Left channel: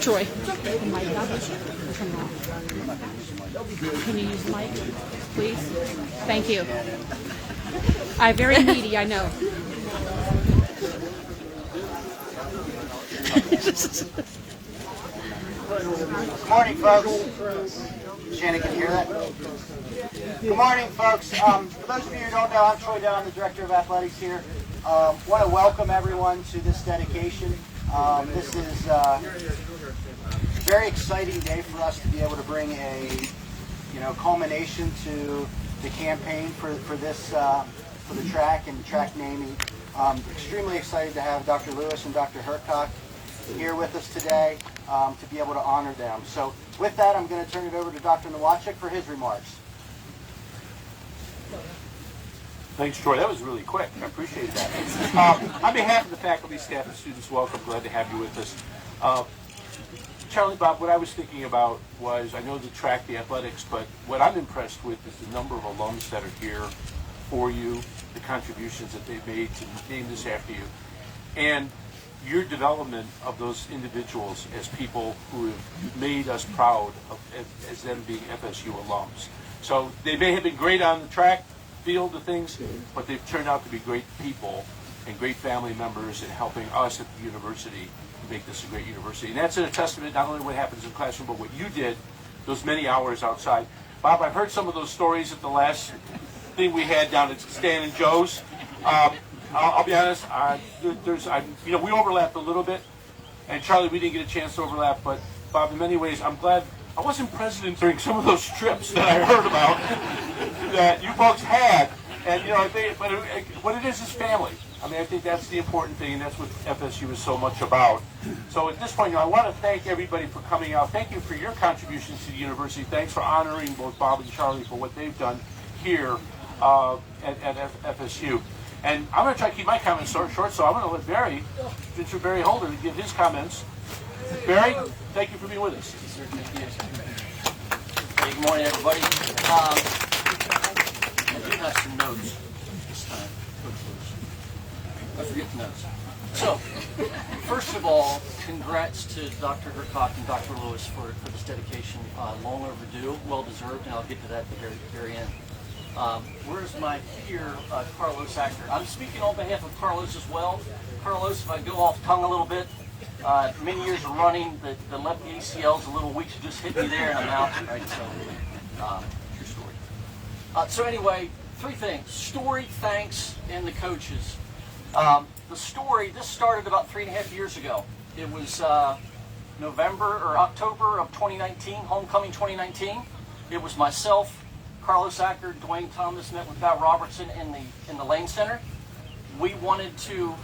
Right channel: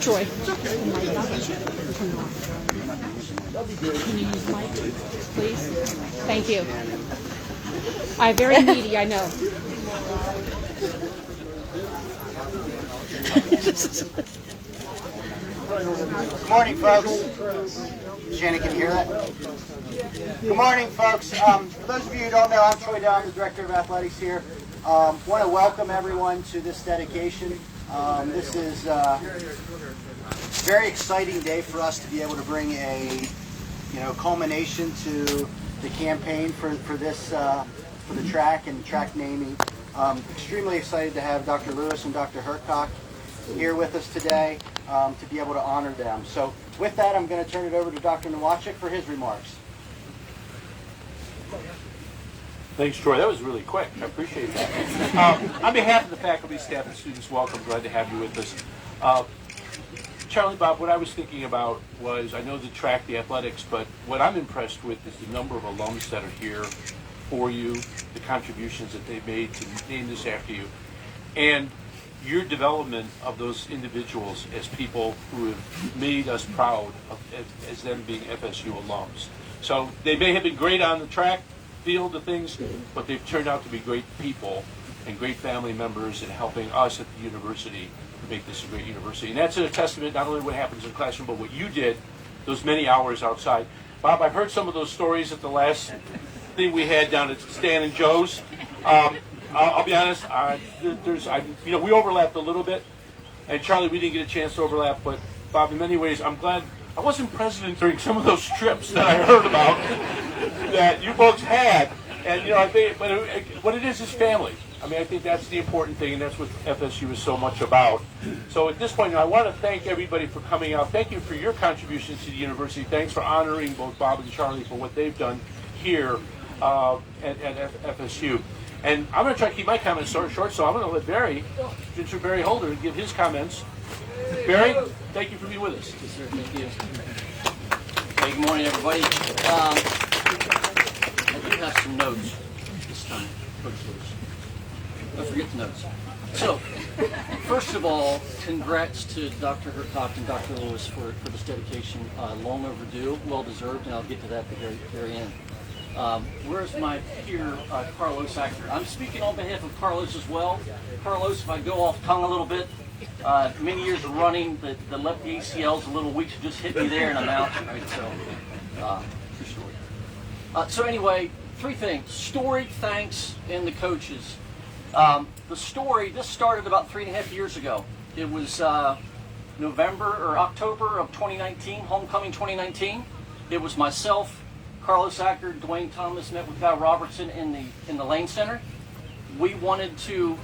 Troy. Can you use the mic, please? Thank you. Very needy, I know. Good morning, folks. Shannon, can you hear that? Good morning, folks. For those of you who don't know, I'm Troy Down, the Director of Athletics here. Want to welcome everyone to this dedication. This is a very exciting day for us to be able to bring a culmination to the campaign for this for the track and track naming. Extremely excited to have Dr. Lewis and Dr. Hircock here with us today to be able to honor them. So with that, I'm going to turn it over to Dr. Nowacek for his remarks. Thanks, Troy. That was really quick. I appreciate that. On behalf of the faculty, staff, and students, welcome. Glad to have you with us. Charlie, Bob, what I was thinking about was, I know the track, the athletics, but what I'm impressed with is the number of alums that are here for you, the contributions that they've made to name this after you, and your development of those individuals as people who have made us proud of, as them being FSU alums. So they may have been great on the track field of things, but they've turned out to be great people and great family members in helping us at the university to make this a great university. And that's a testament not only what happens in the classroom, but what you did those many hours outside. Bob, I've heard some of those stories at the last thing we had down at Stan and Joe's. I'll be honest, we overlapped a little bit, and Charlie, we didn't get a chance to overlap, but Bob, in many ways, I'm glad I wasn't president during some of those trips that I heard about that you folks had, and what it is family. I mean, I think that's the important thing, and that's what FSU is so much about. So at this point, I want to thank everybody for coming out. Thank you for your contributions to the university. Thanks for honoring both Bob and Charlie for what they've done here at FSU. And I'm going to try to keep my comments short, so I'm going to let Barry, Barry Holder, give his comments. Barry, thank you for being with us. Hey, good morning, everybody. I do have some notes this time. Don't forget the notes. So, first of all, congrats to Dr. Hircock and Dr. Lewis for this dedication. Long overdue, well deserved, and I'll get to that at the very end. Where's my peer, Carlos Acker? I'm speaking on behalf of Carlos as well. Carlos, if I go off tongue a little bit, many years of running, the left ACL's a little weak, so just hit me there and I'm out. Right, so, true story. So anyway, three things: story, thanks, and the coaches. The story, this started about 3.5 years ago. It was November or October of 2019, homecoming 2019. It was myself, Carlos Acker, Dwayne Thomas met with Guy Robertson in the Lane Center. We wanted to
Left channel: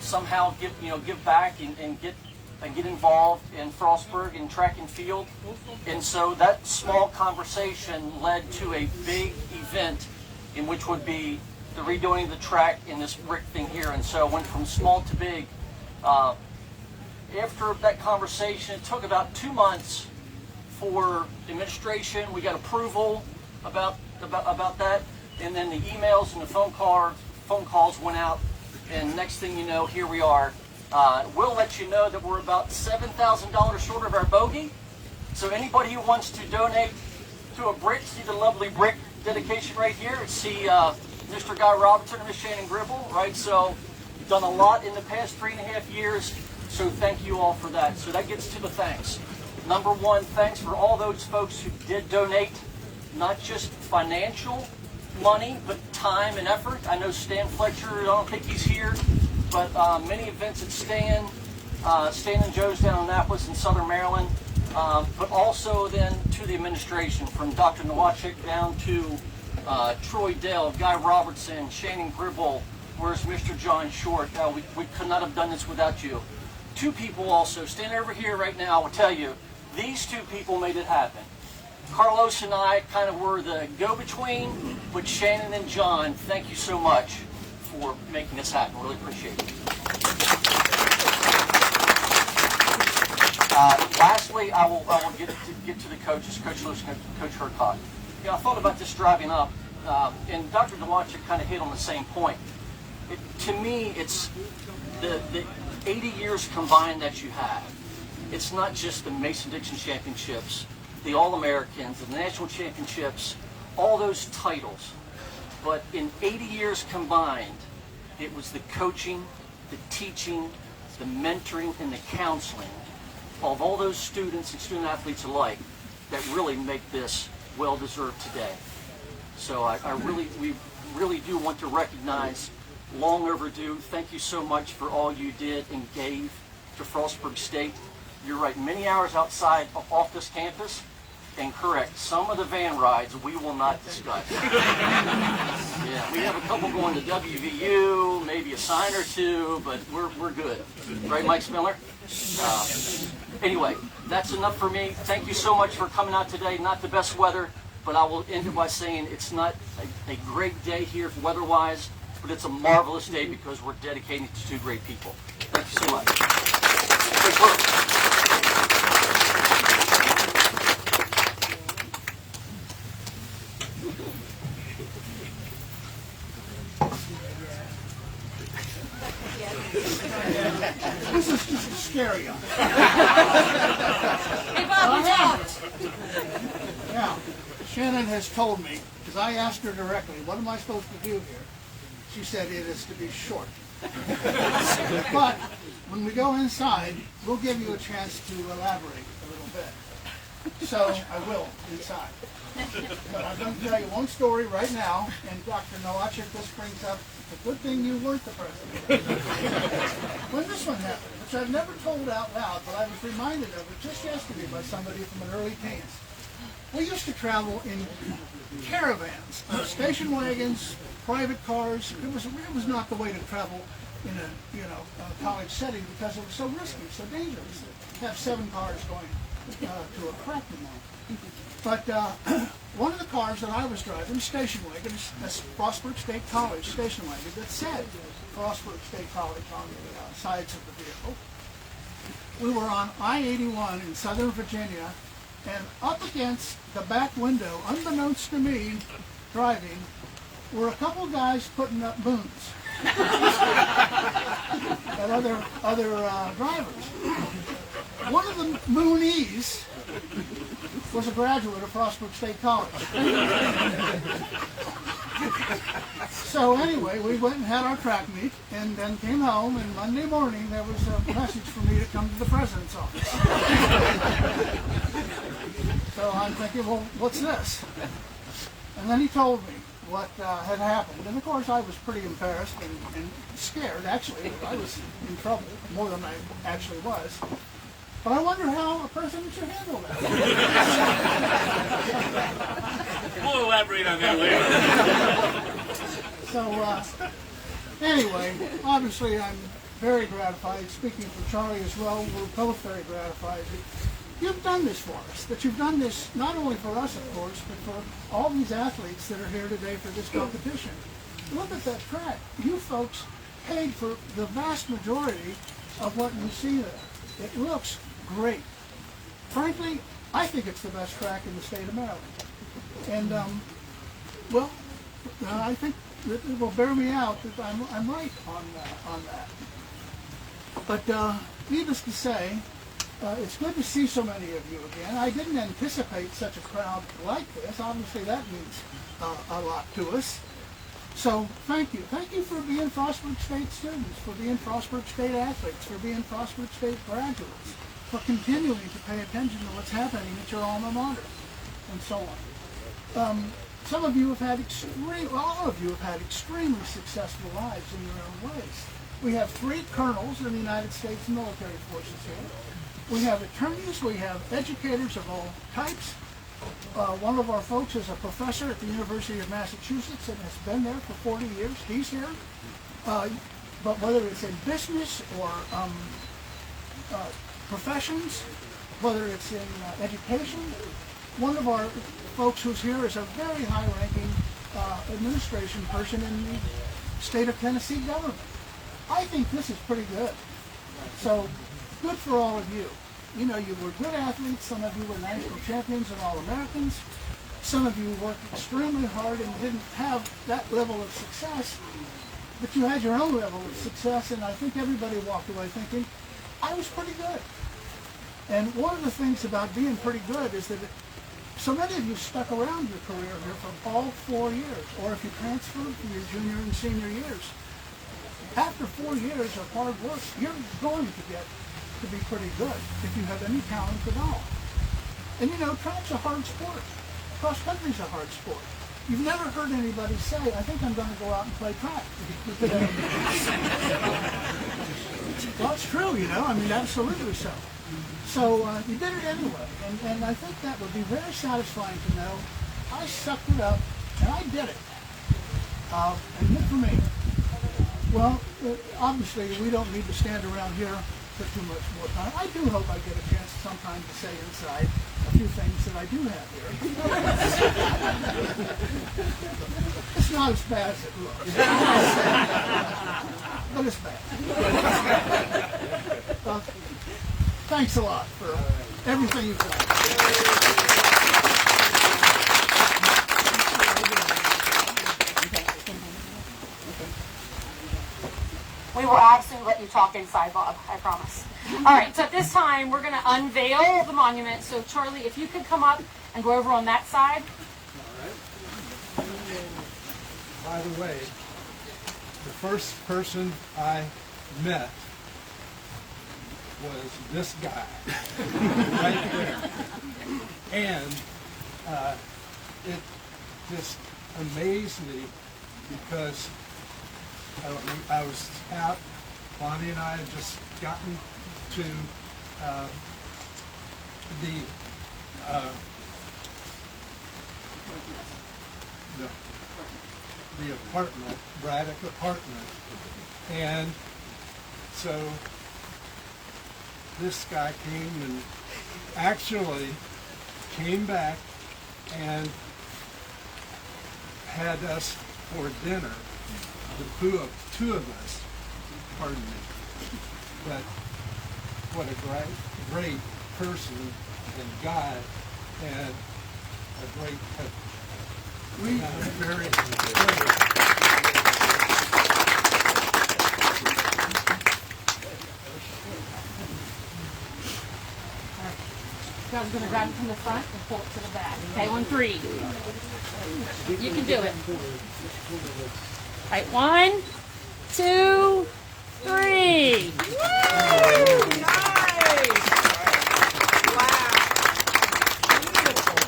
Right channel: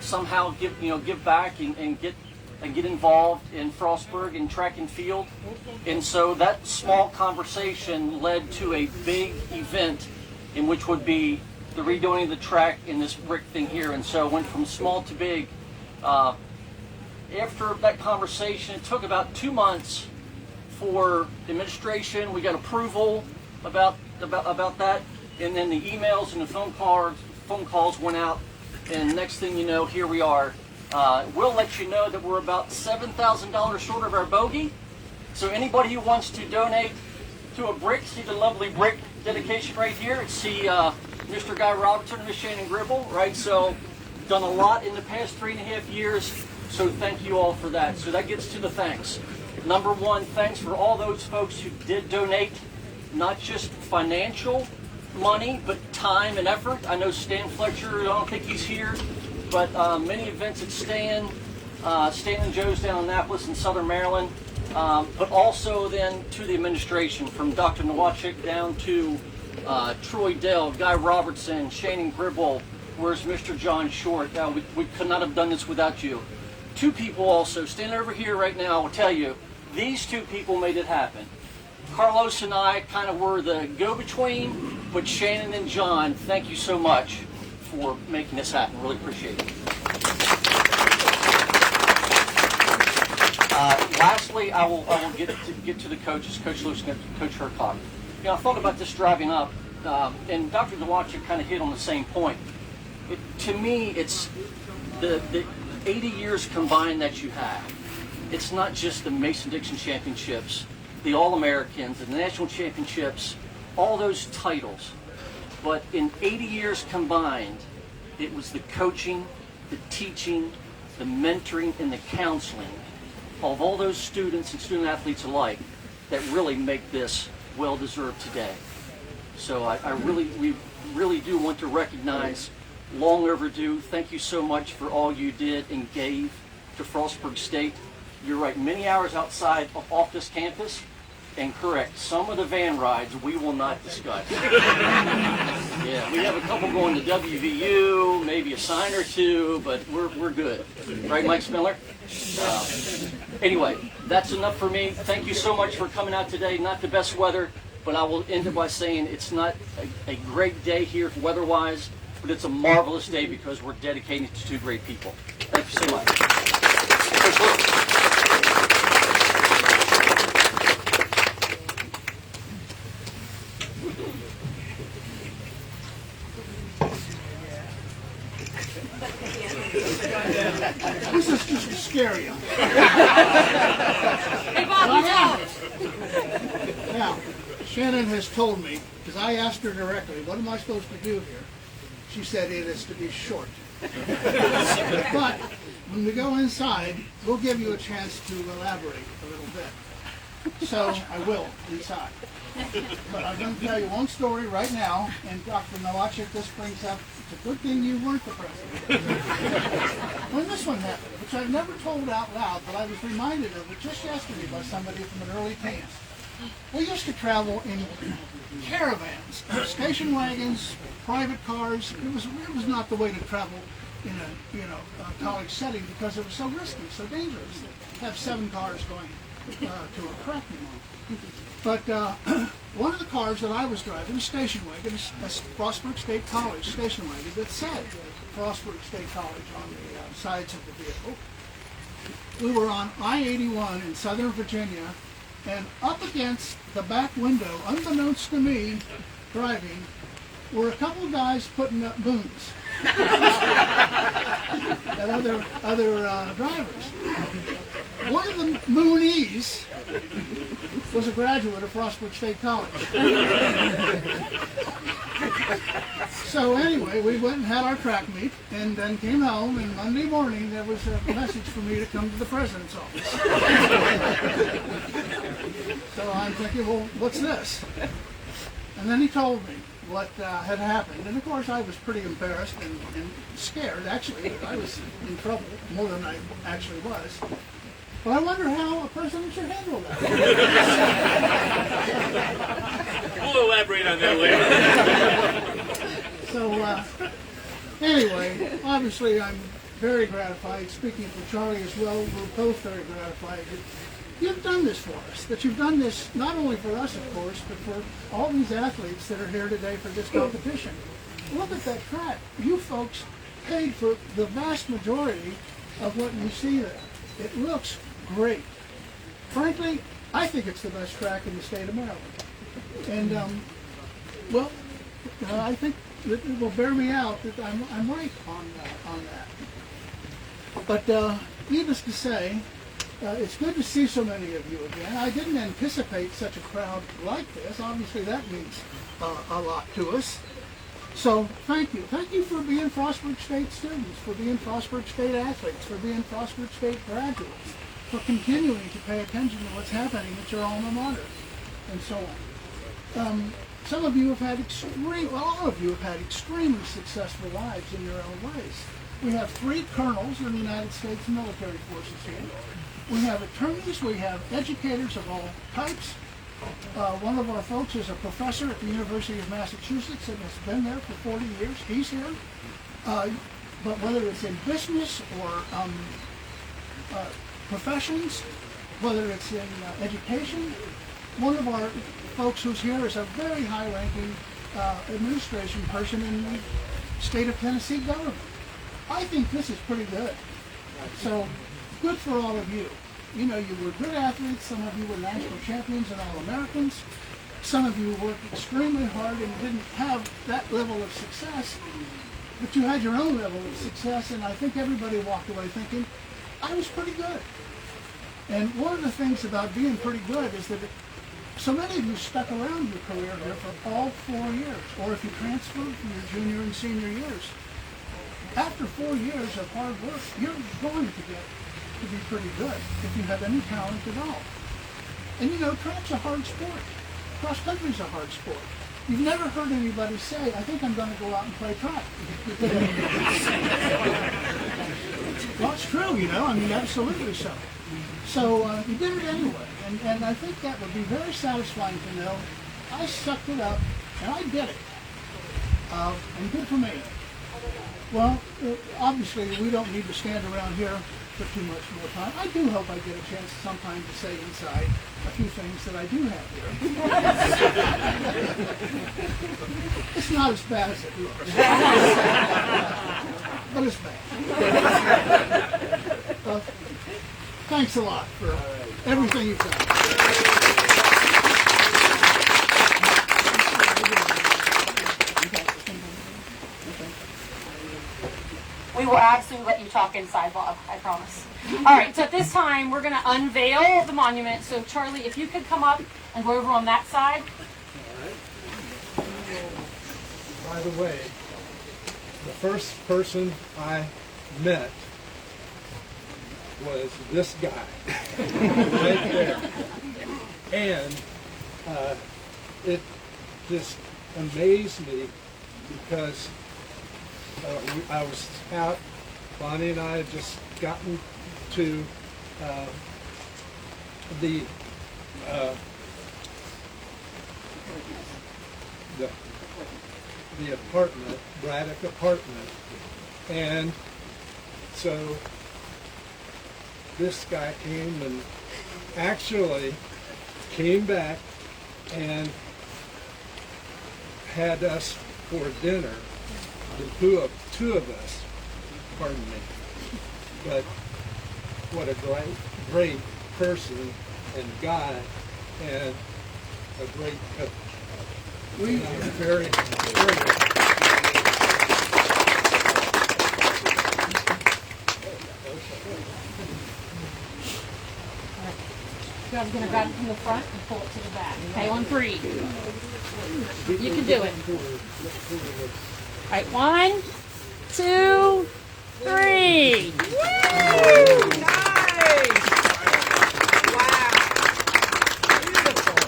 somehow give back and get involved in Frostburg in track and field, and so that small conversation led to a big event, in which would be the redoing of the track and this brick thing here, and so it went from small to big. After that conversation, it took about 2 months for administration. We got approval about that, and then the emails and the phone calls went out, and next thing you know, here we are. We'll let you know that we're about $7,000 short of our bogey. So anybody who wants to donate to a brick, see the lovely brick dedication right here. See Mr. Guy Robertson and Ms. Shannon Gribble, right? So done a lot in the past 3.5 years. So thank you all for that. So that gets to the thanks. Number one, thanks for all those folks who did donate, not just financial money, but time and effort. I know Stan Fletcher, I don't think he's here, but many events at Stan and Joe's down in Annapolis in Southern Maryland, but also then to the administration, from Dr. Nowacek down to Troy Dell, Guy Robertson, Shannon Gribble, where's Mr. John Short. We could not have done this without you. Two people also, standing over here right now, will tell you, these two people made it happen. Carlos and I kind of were the go-between, but Shannon and John, thank you so much for making this happen. Really appreciate it. Lastly, I will get to the coaches, Coach Lewis and Coach Hircock. I thought about this driving up, and Dr. Nowacek kind of hit on the same point. To me, it's the 80 years combined that you have. it's not just the Mason-Dixon Championships, the All-Americans, the National Championships, all those titles. But in 80 years combined, it was the coaching, the teaching, the mentoring, and the counseling of all those students and student athletes alike that really make this well-deserved today. So we really do want to recognize, long overdue, thank you so much for all you did and gave to Frostburg State. You're right, many hours outside off this campus, and correct, some of the van rides we will not discuss. Yeah, we have a couple going to WVU, maybe a sign or two, but we're good. Right, Mike Spiller? Anyway, that's enough for me. Thank you so much for coming out today. Not the best weather, but I will end it by saying it's not a great day here weather-wise, but it's a marvelous day because we're dedicating it to two great people. Thank you so much. This is just scary. Hey, Bob, Now, Shannon has told me, because I asked her directly, what am I supposed to do here? She said it is to be short. But when we go inside, we'll give you a chance to elaborate a little bit. So I will inside. But I'm going to tell you one story right now, and Dr. Nowacek, this brings up, it's a good thing you weren't the president. When this one happened, which I've never told out loud, but I was reminded of it just yesterday by somebody from an early teens. We used to travel in caravans, station wagons, private cars. It was not the way to travel in a college setting because it was so risky, so dangerous to have 7 cars going to a crack meet. But one of the cars that I was driving, station wagon, a Frostburg State College station wagon that said Frostburg State College on the sides of the vehicle. We were on I-81 in Southern Virginia, and up against the back window, unbeknownst to me, driving, were a couple of guys putting up moons. And other drivers. One of the moonies was a graduate of Frostburg State College. So anyway, we went and had our track meet, and then came home, and Monday morning there was a message for me to come to the president's office. So I'm thinking, well, what's this? And then he told me what had happened. And of course I was pretty embarrassed and scared. Actually, I was in trouble, more than I actually was. But I wonder how a president should handle that. We'll elaborate on that later. So, anyway, obviously I'm very gratified. Speaking for Charlie as well, we're both very gratified that you've done this for us. That you've done this not only for us, of course, but for all these athletes that are here today for this competition. Look at that track. You folks paid for the vast majority of what you see there. It looks great. Frankly, I think it's the best track in the state of Maryland. And, I think that it will bear me out that I'm right on that. But needless to say, it's good to see so many of you again. I didn't anticipate such a crowd like this. Obviously, that means a lot to us. So thank you. Thank you for being Frostburg State students, for being Frostburg State athletes, for being Frostburg State graduates, for continuing to pay attention to what's happening at your alma mater, and so on. Some of you have had all of you have had extremely successful lives in your own ways. We have 3 colonels in the United States military forces here. We have attorneys, we have educators of all types. One of our folks is a professor at the University of Massachusetts and has been there for 40 years. He's here. But whether it's in business or professions, whether it's in education, one of our folks who's here is a very high-ranking administration person in the state of Tennessee government. I think this is pretty good. So, good for all of you. You know, you were good athletes. Some of you were national champions and All-Americans. Some of you worked extremely hard and didn't have that level of success, but you had your own level of success, and I think everybody walked away thinking, I was pretty good. And one of the things about being pretty good is that so many of you stuck around your career here for all 4 years, or if you transferred from your junior and senior years. After 4 years of hard work, you're going to get to be pretty good if you have any talent at all. And you know, track's a hard sport. Cross country's a hard sport. You've never heard anybody say, I think I'm going to go out and play track. Well, it's true, you know, I mean, absolutely so. So you did it anyway, and I think that would be very satisfying to know I sucked it up and I did it. And good for me. Well, obviously we don't need to stand around here for too much more time. I do hope I get a chance sometime to say inside a few things that I do have here. It's not as bad as it looks. But it's bad. Well, thanks a lot for everything you've done. We will absolutely let you talk inside, Bob, I promise. All right, so at this time, we're going to unveil the monument. So, Charlie, if you could come up and go over on that side. By the way, the first person I met was this guy right there. And it just amazed me because I was out, Bonnie and I had just gotten to the apartment, Braddock apartment, and so this guy came and actually came back and had us for dinner, the two of us, pardon me, but what a great person and guy and a great coach. We are very I'm going to grab it from the front and pull it to the back. Okay, on 3. You can do it. All right, 1, 2, 3. Woo! Nice! Wow. Beautiful.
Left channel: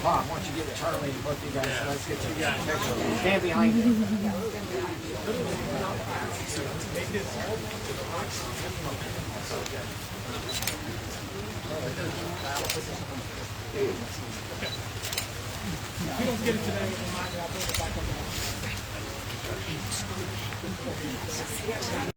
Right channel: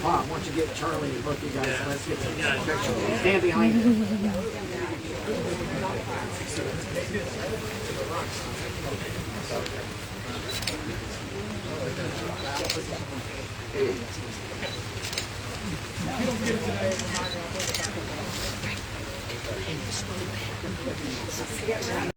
Mom, why don't you get Charlie and both you guys? Let's get you guys. Stand behind him. If you don't get it today,